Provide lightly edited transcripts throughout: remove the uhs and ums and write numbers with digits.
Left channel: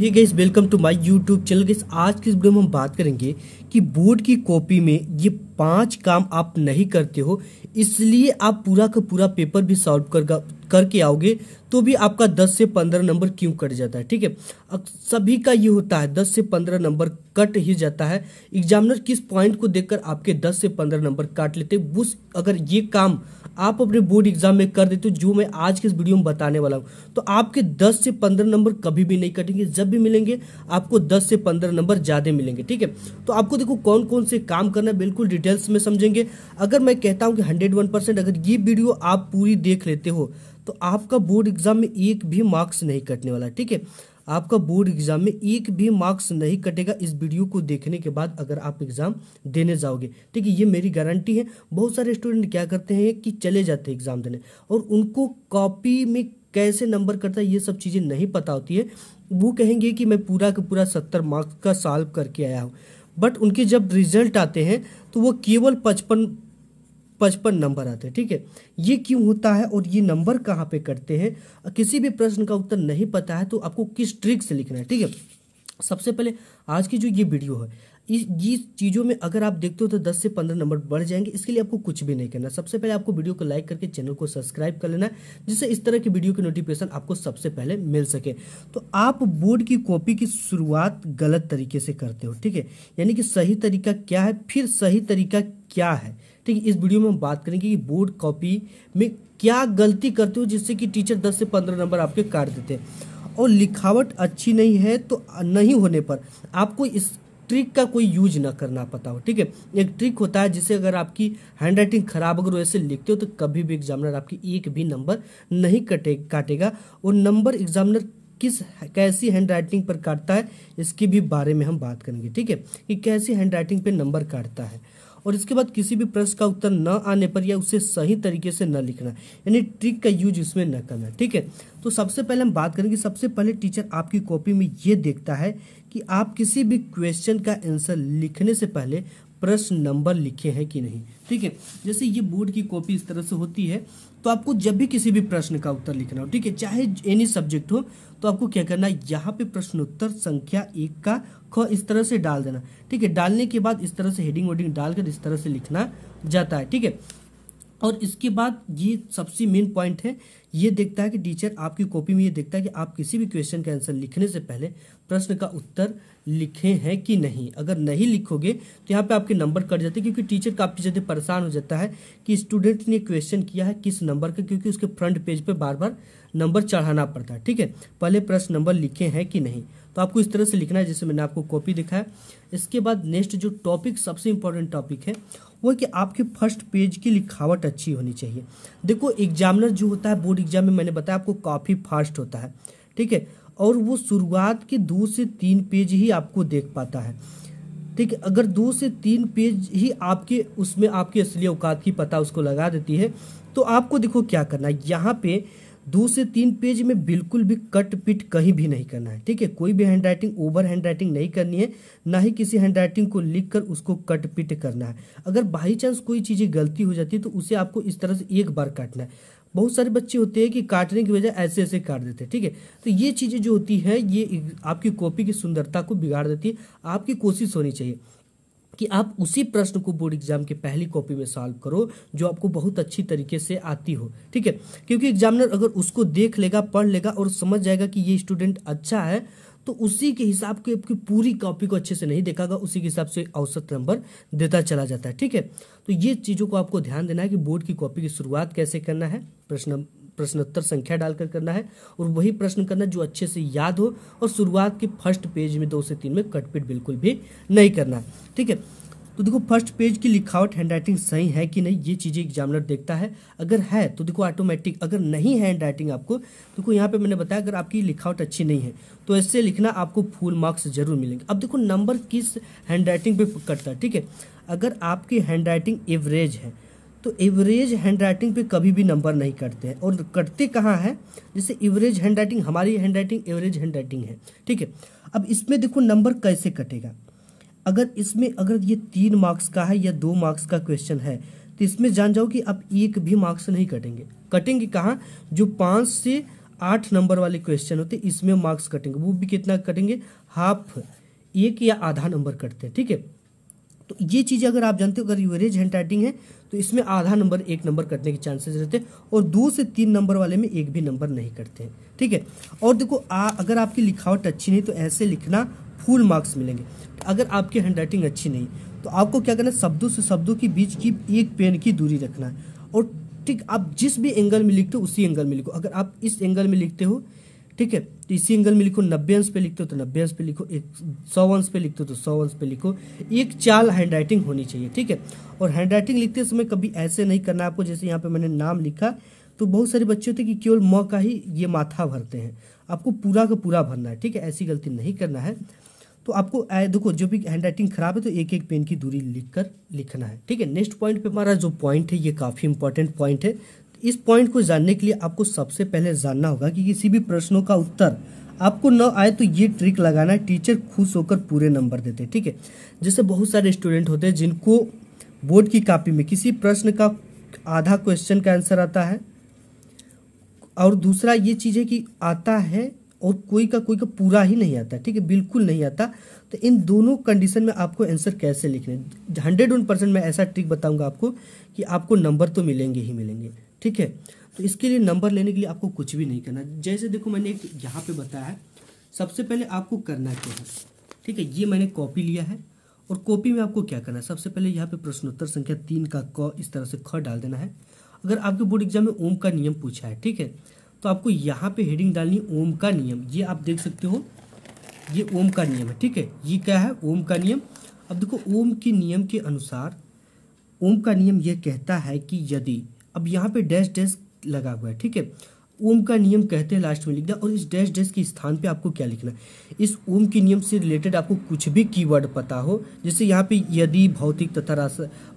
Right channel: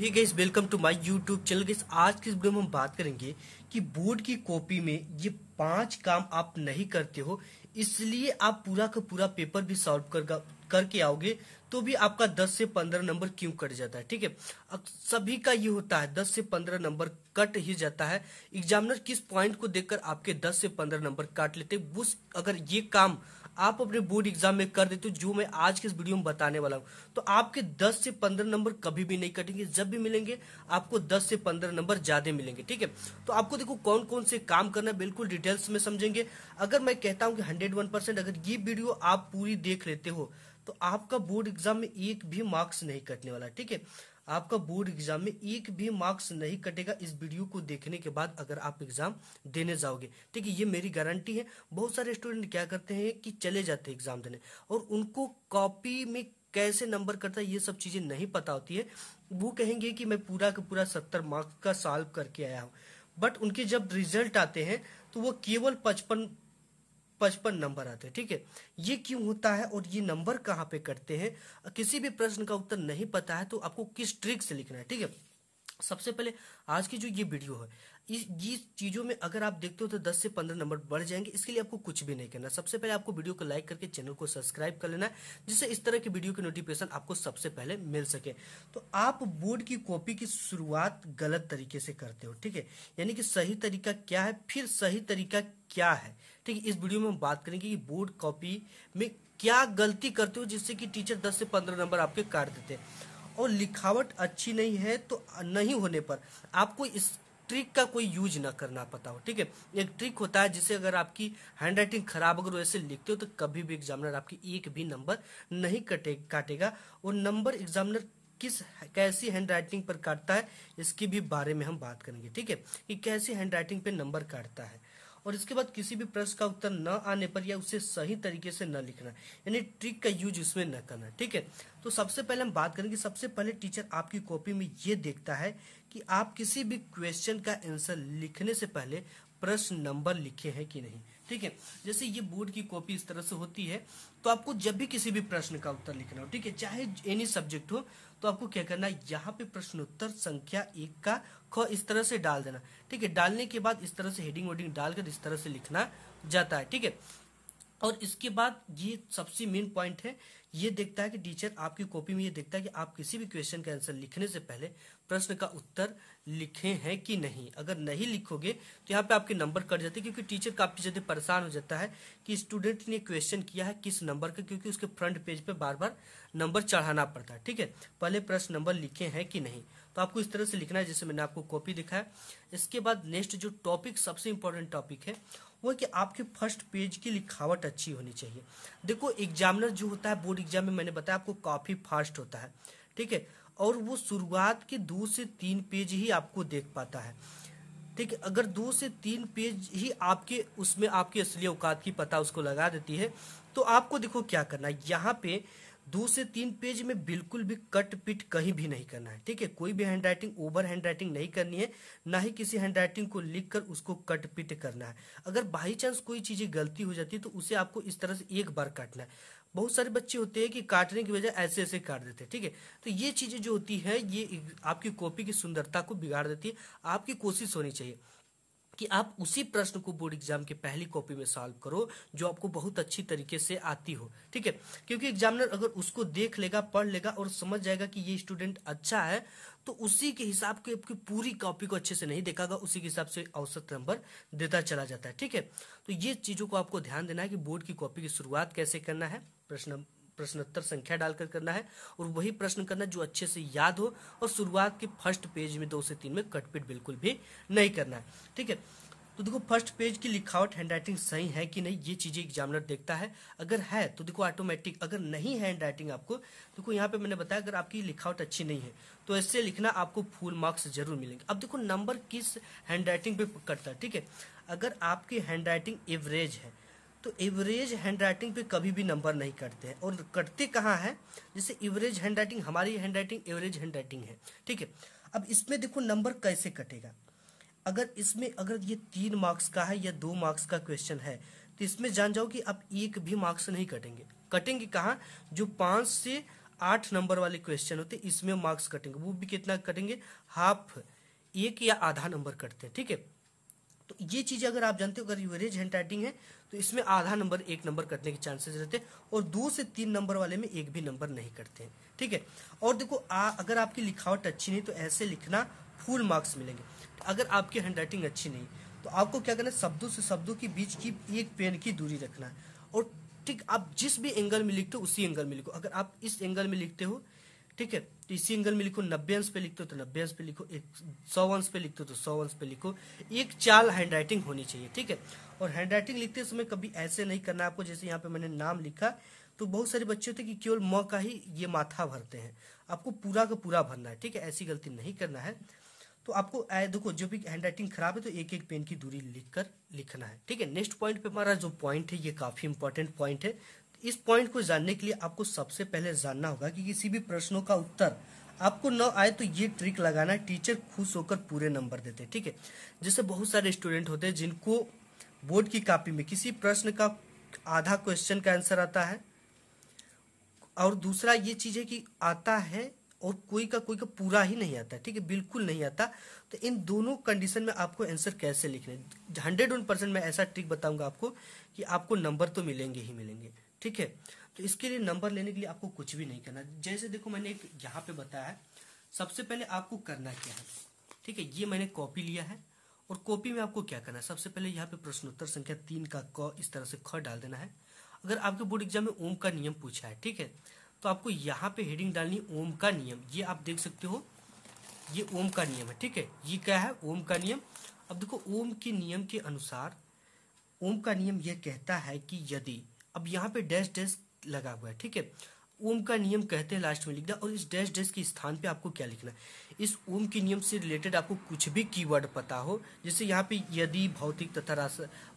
Hey guys, welcome to my YouTube channel. Guys, आज की इस वीडियो में हम बात करेंगे कि बोर्ड की कॉपी में ये 5 काम आप नहीं करते हो, इसलिए आप पूरा का पूरा पेपर भी सॉल्व करके आओगे तो भी आपका 10 से 15 नंबर क्यों कट जाता है। ठीक है, अब सभी का ये होता है, 10 से 15 नंबर कट ही जाता है। एग्जामिनर किस पॉइंट को देखकर आपके 10 से 15 नंबर काट लेते हैं, वो अगर ये काम आप अपने बोर्ड एग्जाम में कर देते हो जो मैं आज के इस वीडियो में बताने वाला हूं, तो आपके 10 से 15 नंबर कभी भी नहीं कटेंगे। जब भी मिलेंगे आपको 10 से 15 नंबर ज्यादा मिलेंगे। ठीक है, तो आपको देखो कौन कौन से काम करना है, बिल्कुल डिटेल्स में समझेंगे। अगर मैं कहता हूं कि 101% अगर ये वीडियो आप पूरी देख लेते हो तो आपका बोर्ड एग्जाम में एक भी मार्क्स नहीं कटने वाला। ठीक है, आपका बोर्ड एग्जाम में एक भी मार्क्स नहीं कटेगा इस वीडियो को देखने के बाद अगर आप एग्जाम देने जाओगे। ठीक है, ये मेरी गारंटी है। बहुत सारे स्टूडेंट क्या करते हैं कि चले जाते हैं एग्जाम देने और उनको कॉपी में कैसे नंबर करता है ये सब चीजें नहीं पता होती है। वो कहेंगे कि मैं पूरा का पूरा 70 मार्क्स का सॉल्व करके आया हूं, बट उनके जब रिजल्ट आते हैं तो वो केवल 55 नंबर आते हैं। ठीक है, ये क्यों होता है और ये नंबर कहाँ पे कटते हैं? किसी भी प्रश्न का उत्तर नहीं पता है तो आपको किस ट्रिक से लिखना है। ठीक है, सबसे पहले आज की जो ये वीडियो है ये चीजों में अगर आप देखते हो तो 10 से 15 नंबर बढ़ जाएंगे। इसके लिए आपको कुछ भी नहीं करना। सबसे पहले आपको वीडियो को लाइक करके चैनल को सब्सक्राइब कर लेना है, जिससे इस तरह की वीडियो की नोटिफिकेशन आपको सबसे पहले मिल सके। तो आप बोर्ड की कॉपी की शुरुआत गलत तरीके से करते हो। ठीक है, यानी कि सही तरीका क्या है, फिर सही तरीका क्या है। ठीक है, इस वीडियो में हम बात करेंगे कि बोर्ड कॉपी में क्या गलती करते हो जिससे कि टीचर 10 से 15 नंबर आपके काट देते हैं। और लिखावट अच्छी नहीं है तो नहीं होने पर आपको इस ट्रिक का कोई यूज ना करना पता हो। ठीक है, एक ट्रिक होता है जिससे अगर आपकी हैंडराइटिंग खराब अगर वैसे लिखते हो तो कभी भी एग्जामिनर आपकी एक भी नंबर नहीं काटेगा। और नंबर एग्जामिनर कैसी हैंडराइटिंग पर काटता है इसके भी बारे में हम बात करेंगे। ठीक है, कि कैसी हैंडराइटिंग पे नंबर काटता है। और इसके बाद किसी भी प्रश्न का उत्तर न आने पर या उसे सही तरीके से न लिखना, यानी ट्रिक का यूज इसमें न करना। ठीक है, तो सबसे पहले हम बात करेंगे। सबसे पहले टीचर आपकी कॉपी में ये देखता है कि आप किसी भी क्वेश्चन का आंसर लिखने से पहले प्रश्न नंबर लिखे हैं कि नहीं। ठीक है, जैसे ये बोर्ड की कॉपी इस तरह से होती है, तो आपको जब भी किसी भी प्रश्न का उत्तर लिखना हो, ठीक है, चाहे एनी सब्जेक्ट हो, तो आपको क्या करना है, यहाँ पे प्रश्नोत्तर संख्या 1 का ख इस तरह से डाल देना। ठीक है, डालने के बाद इस तरह से हेडिंग वेडिंग डालकर इस तरह से लिखना जाता है। ठीक है, और इसके बाद ये सबसे मेन पॉइंट है, ये देखता है कि टीचर आपकी कॉपी में ये देखता है कि आप किसी भी क्वेश्चन का आंसर लिखने से पहले प्रश्न का उत्तर लिखे हैं कि नहीं। अगर नहीं लिखोगे तो यहाँ पे आपके नंबर कट जाते हैं, क्योंकि टीचर काफी ज्यादा परेशान हो जाता है कि स्टूडेंट ने क्वेश्चन किया है किस नंबर का, क्योंकि उसके फ्रंट पेज पे बार बार नंबर चढ़ाना पड़ता है। ठीक है, पहले प्रश्न नंबर लिखे हैं कि नहीं, तो आपको इस तरह से लिखना है जैसे मैंने आपको कॉपी दिखाया। इसके बाद नेक्स्ट जो टॉपिक सबसे इंपॉर्टेंट टॉपिक है वो है कि आपके फर्स्ट पेज की लिखावट अच्छी होनी चाहिए। देखो एग्जामिनर जो होता है बोर्ड एग्जाम में, मैंने बताया आपको काफी फास्ट होता है। ठीक है, और वो शुरुआत के 2 से 3 पेज ही आपको देख पाता है। ठीक है, अगर 2 से 3 पेज ही आपके उसमें आपकी असली औकात की पता उसको लगा देती है, तो आपको देखो क्या करना है, यहाँ पे 2 से 3 पेज में बिल्कुल भी कट पिट कहीं भी नहीं करना है। ठीक है, कोई भी हैंडराइटिंग ओवर हैंडराइटिंग नहीं करनी है, ना ही किसी हैंडराइटिंग को लिखकर उसको कट पिट करना है। अगर बाई चांस कोई चीजें गलती हो जाती है तो उसे आपको इस तरह से एक बार काटना है। बहुत सारे बच्चे होते हैं कि काटने की वजह ऐसे ऐसे काट देते हैं। ठीक है, तो ये चीजें जो होती है ये आपकी कॉपी की सुंदरता को बिगाड़ देती है। आपकी कोशिश होनी चाहिए कि आप उसी प्रश्न को बोर्ड एग्जाम के पहली कॉपी में सॉल्व करो जो आपको बहुत अच्छी तरीके से आती हो। ठीक है, क्योंकि एग्जामिनर अगर उसको देख लेगा, पढ़ लेगा और समझ जाएगा कि ये स्टूडेंट अच्छा है, तो उसी के हिसाब के आपकी पूरी कॉपी को अच्छे से नहीं देखागा, उसी के हिसाब से औसत नंबर देता चला जाता है। ठीक है, तो ये चीजों को आपको ध्यान देना है कि बोर्ड की कॉपी की शुरुआत कैसे करना है, प्रश्नोत्तर संख्या डालकर करना है, और वही प्रश्न करना जो अच्छे से याद हो, और शुरुआत के फर्स्ट पेज में 2 से 3 में कटपिट बिल्कुल भी नहीं करना है। ठीक है, तो देखो फर्स्ट पेज की लिखावट हैंडराइटिंग सही है कि नहीं ये चीजें एग्जामिनर देखता है। अगर है तो देखो ऑटोमेटिक, अगर नहीं है हैंडराइटिंग आपको, देखो यहाँ पे मैंने बताया अगर आपकी लिखावट अच्छी नहीं है तो ऐसे लिखना, आपको फुल मार्क्स जरूर मिलेंगे। अब देखो नंबर किस हैंडराइटिंग पे कटता है। ठीक है, अगर आपकी हैंडराइटिंग एवरेज है तो एवरेज हैंडराइटिंग पे कभी भी नंबर नहीं कटते हैं। और कटते कहाँ है, जैसे एवरेज हैंडराइटिंग, हमारी हैंडराइटिंग एवरेज हैंडराइटिंग है। ठीक है, अब इसमें देखो नंबर कैसे कटेगा। अगर ये 3 मार्क्स का है या 2 मार्क्स का क्वेश्चन है तो इसमें जान जाओ कि अब एक भी मार्क्स नहीं कटेंगे। कटेंगे कहाँ, जो 5 से 8 नंबर वाले क्वेश्चन होते हैं, इसमें मार्क्स कटेंगे, वो भी कितना कटेंगे, हाफ, 1 या आधा नंबर कटते हैं। ठीक है, तो ये चीज अगर आप जानते हो, अगर एवरेज हैंड राइटिंग है तो इसमें आधा नंबर 1 नंबर कटने के चांसेस रहते हैं, और 2 से 3 नंबर वाले में 1 भी नंबर नहीं कटते हैं। ठीक है, और देखो अगर आपकी लिखावट अच्छी नहीं तो ऐसे लिखना फुल मार्क्स मिलेंगे। अगर आपकी हैंड राइटिंग अच्छी नहीं तो आपको क्या करना है, शब्दों से शब्दों के बीच की 1 पेन की दूरी रखना है, और ठीक आप जिस भी एंगल में लिखते हो उसी एंगल में लिखो। अगर आप इस एंगल में लिखते हो, ठीक है, तो इसी एंगल में लिखो। 90 अंश पे लिखते हो तो 90 अंश पे लिखो, 100 अंश पे लिखते हो तो 100 अंश पे लिखो। एक चाल हैंड राइटिंग होनी चाहिए। ठीक है, और हैंड राइटिंग लिखते समय कभी ऐसे नहीं करना आपको, जैसे यहाँ पे मैंने नाम लिखा तो बहुत सारे बच्चे होते हैं कि केवल म का ही ये माथा भरते हैं, आपको पूरा का पूरा भरना है। ठीक है, ऐसी गलती नहीं करना है। तो आपको देखो जो भी हैंड राइटिंग खराब है तो 1-1 पेन की दूरी लिखकर लिखना है। ठीक है, नेक्स्ट पॉइंट पे हमारा जो पॉइंट है ये काफी इंपॉर्टेंट पॉइंट है। इस पॉइंट को जानने के लिए आपको सबसे पहले जानना होगा कि किसी भी प्रश्नों का उत्तर आपको न आए तो ये ट्रिक लगाना है, टीचर खुश होकर पूरे नंबर देते हैं। ठीक है, जैसे बहुत सारे स्टूडेंट होते हैं जिनको बोर्ड की कॉपी में किसी प्रश्न का आधा क्वेश्चन का आंसर आता है, और दूसरा ये चीज है कि आता है और कोई का पूरा ही नहीं आता। ठीक है, बिल्कुल नहीं आता। तो इन दोनों कंडीशन में आपको आंसर कैसे लिखने, 101% मैं ऐसा ट्रिक बताऊंगा आपको कि आपको नंबर तो मिलेंगे ही मिलेंगे। ठीक है, तो इसके लिए नंबर लेने के लिए आपको कुछ भी नहीं करना। जैसे देखो मैंने एक यहाँ पे बताया है, सबसे पहले आपको करना क्या है। ठीक है, ये मैंने कॉपी लिया है, और कॉपी में आपको क्या करना है, सबसे पहले यहाँ पे प्रश्नोत्तर संख्या 3 का क इस तरह से ख डाल देना है। अगर आपके बोर्ड एग्जाम में ओम का नियम पूछा है, ठीक है, तो आपको यहाँ पे हेडिंग डालनी है ओम का नियम। ये आप देख सकते हो, ये ओम का नियम है। ठीक है, ये क्या है, ओम का नियम। अब देखो ओम के नियम के अनुसार, ओम का नियम ये कहता है कि यदि, अब यहाँ पे डैश डैश लगा हुआ है। ठीक है, ओम का नियम कहते हैं लास्ट में लिखना, और इस डैश डैश के स्थान पे आपको क्या लिखना है, इस ओम के नियम से रिलेटेड आपको कुछ भी कीवर्ड पता हो। जैसे यहाँ पे यदि भौतिक तथा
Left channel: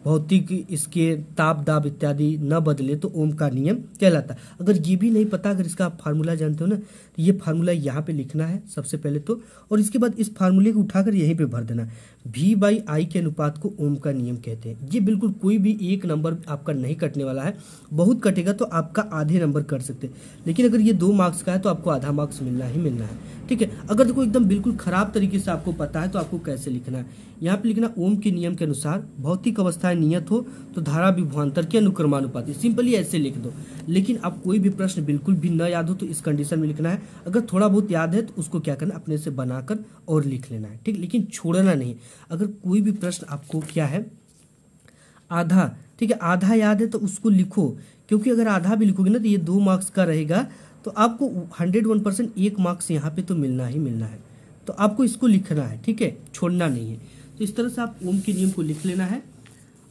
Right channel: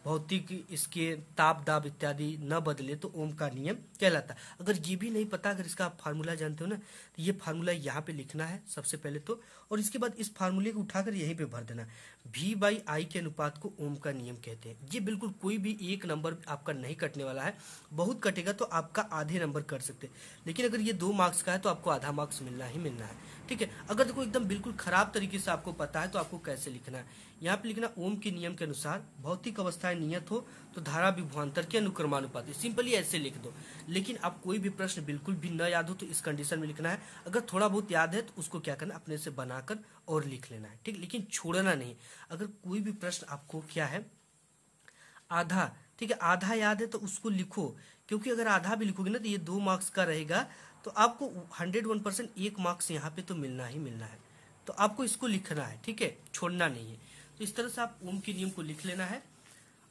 भौतिक इसके ताप दाब इत्यादि न बदले तो ओम का नियम कहलाता है। अगर ये भी नहीं पता, अगर इसका आप फार्मूला जानते हो ना, तो ये फार्मूला यहाँ पे लिखना है सबसे पहले तो, और इसके बाद इस फार्मूले को उठाकर यहीं पे भर देना। V/I के अनुपात को ओम का नियम कहते हैं। ये बिल्कुल कोई भी 1 नंबर आपका नहीं कटने वाला है, बहुत कटेगा तो आपका आधे नंबर कट सकते हैं, लेकिन अगर ये 2 मार्क्स का है तो आपको आधा मार्क्स मिलना ही मिलना है। ठीक है, अगर देखो एकदम बिल्कुल खराब तरीके से आपको पता है तो आपको कैसे लिखना है, यहाँ पे लिखना ओम के नियम के अनुसार भौतिक अवस्थाएं नियत हो तो धारा विभवांतर के अनुक्रमानुपाती, सिंपली ऐसे लिख दो। लेकिन अब कोई भी प्रश्न बिल्कुल भी न याद हो तो इस कंडीशन में लिखना है। अगर थोड़ा बहुत याद है तो उसको क्या करना, अपने से बनाकर और लिख लेना है। ठीक, लेकिन छोड़ना नहीं। अगर कोई भी प्रश्न आपको क्या है आधा, ठीक है, आधा याद है तो उसको लिखो, क्योंकि अगर आधा भी लिखोगे ना तो ये 2 मार्क्स का रहेगा, तो आपको 101% 1 मार्क्स यहाँ पे तो मिलना ही मिलना है। तो आपको इसको लिखना है, ठीक है, छोड़ना नहीं है। तो इस तरह से आप ओम के नियम को लिख लेना है,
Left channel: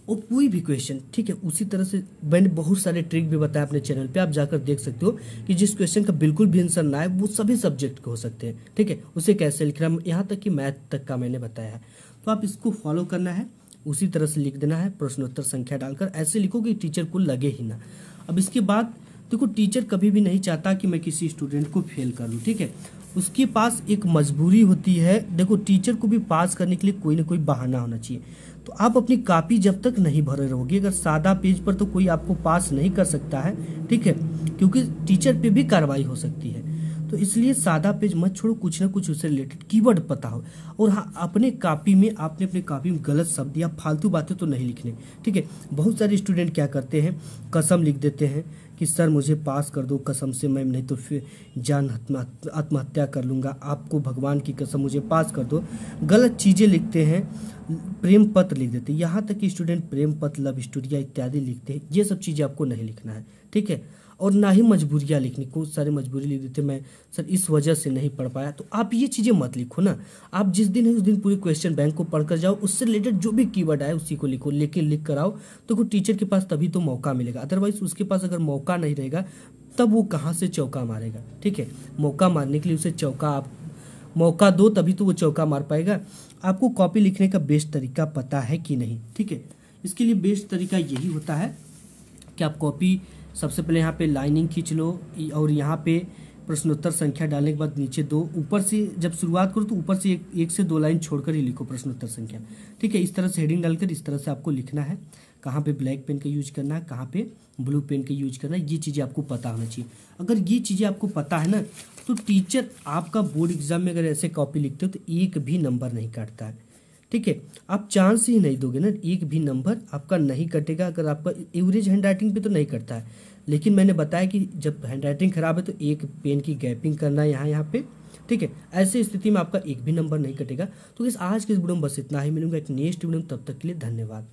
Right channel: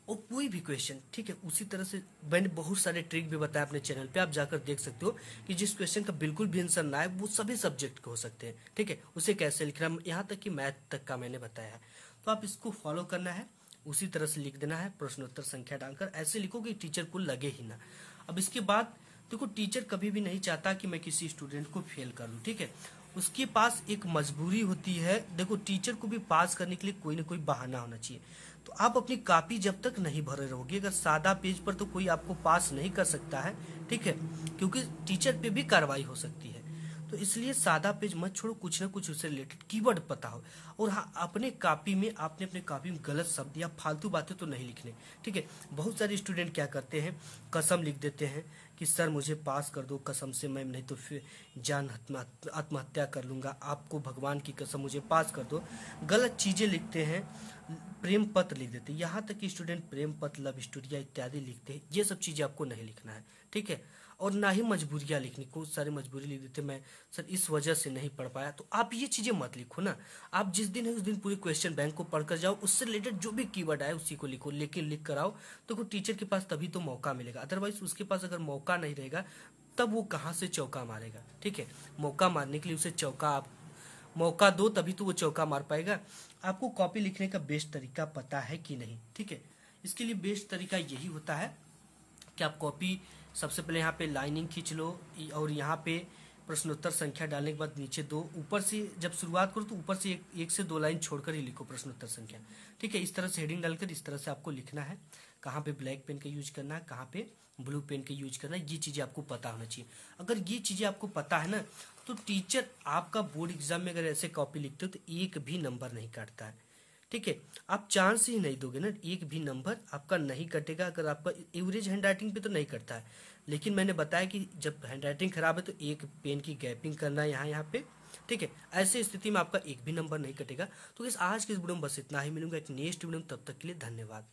और कोई भी क्वेश्चन, ठीक है, उसी तरह से मैंने बहुत सारे ट्रिक भी बताया अपने चैनल पे, आप जाकर देख सकते हो कि जिस क्वेश्चन का बिल्कुल भी आंसर ना है वो सभी सब्जेक्ट के हो सकते हैं। ठीक है, उसे कैसे लिखना, यहाँ तक कि मैथ तक का मैंने बताया। तो आप इसको फॉलो करना है, उसी तरह से लिख देना है, प्रश्नोत्तर संख्या डालकर ऐसे लिखो कि टीचर को लगे ही ना। अब इसके बाद देखो, टीचर कभी भी नहीं चाहता कि मैं किसी स्टूडेंट को फेल कर लूं। ठीक है, उसके पास एक मजबूरी होती है। देखो, टीचर को भी पास करने के लिए कोई ना कोई बहाना होना चाहिए। तो आप अपनी कॉपी जब तक नहीं भरे रहोगे, अगर सादा पेज पर, तो कोई आपको पास नहीं कर सकता है। ठीक है, क्योंकि टीचर पे भी कार्रवाई हो सकती है। तो इसलिए सादा पेज मत छोड़ो, कुछ ना कुछ उससे रिलेटेड कीवर्ड पता हो। और हाँ, अपने कॉपी में, आपने अपनी कॉपी में गलत शब्द या फालतू बातें तो नहीं लिखने। ठीक है, बहुत सारे स्टूडेंट क्या करते हैं, कसम लिख देते हैं कि सर मुझे पास कर दो कसम से, मैं नहीं तो फिर जान आत्महत्या कर लूंगा, आपको भगवान की कसम मुझे पास कर दो। गलत चीजें लिखते हैं, प्रेम पत्र लिख देते हैं, यहाँ तक कि स्टूडेंट प्रेम पत्र, लव स्टोरिया इत्यादि लिखते हैं। ये सब चीजें आपको नहीं लिखना है। ठीक है, और ना ही मजबूरियां लिखनी, कुछ सारे मजबूरी लिख देते, मैं सर इस वजह से नहीं पढ़ पाया। तो आप ये चीजें मत लिखो ना, आप जिस दिन है उस दिन पूरी क्वेश्चन बैंक को पढ़कर जाओ, उससे रिलेटेड जो भी कीवर्ड आए उसी को लिखो, लेकिन लिख कर आओ। तो टीचर के पास तभी तो मौका मिलेगा, अदरवाइज उसके पास अगर मौका नहीं रहेगा तब वो कहाँ से चौका मारेगा। ठीक है, मौका मारने के लिए उसे चौका आप मौका दो, तभी तो वो चौका मार पाएगा। आपको कॉपी लिखने का बेस्ट तरीका पता है कि नहीं। ठीक है, इसके लिए बेस्ट तरीका यही होता है कि आप कॉपी सबसे पहले यहाँ पे लाइनिंग खींच लो, और यहाँ पे प्रश्नोत्तर संख्या डालने के बाद नीचे 2, ऊपर से जब शुरुआत करो तो ऊपर से एक से 2 लाइन छोड़कर ही लिखो प्रश्नोत्तर संख्या। ठीक है, इस तरह से हेडिंग डालकर इस तरह से आपको लिखना है। कहाँ पे ब्लैक पेन का यूज करना है, कहाँ पे ब्लू पेन का यूज करना है, ये चीजें आपको पता होना चाहिए। अगर ये चीजें आपको पता है ना, तो टीचर आपका बोर्ड एग्जाम में अगर ऐसे कॉपी लिखते हो तो एक भी नंबर नहीं काटता है। ठीक है, आप चांस ही नहीं दोगे ना, एक भी नंबर आपका नहीं कटेगा। अगर आपका एवरेज हैंड राइटिंग पे तो नहीं कटता है, लेकिन मैंने बताया कि जब हैंड राइटिंग खराब है तो एक पेन की गैपिंग करना है यहाँ पे। ठीक है, ऐसी स्थिति में आपका एक भी नंबर नहीं कटेगा। तो इस आज के इस वीडियो में बस इतना ही, मिलूंगा एक नेक्स्ट वीडियो में, तब तक के लिए धन्यवाद।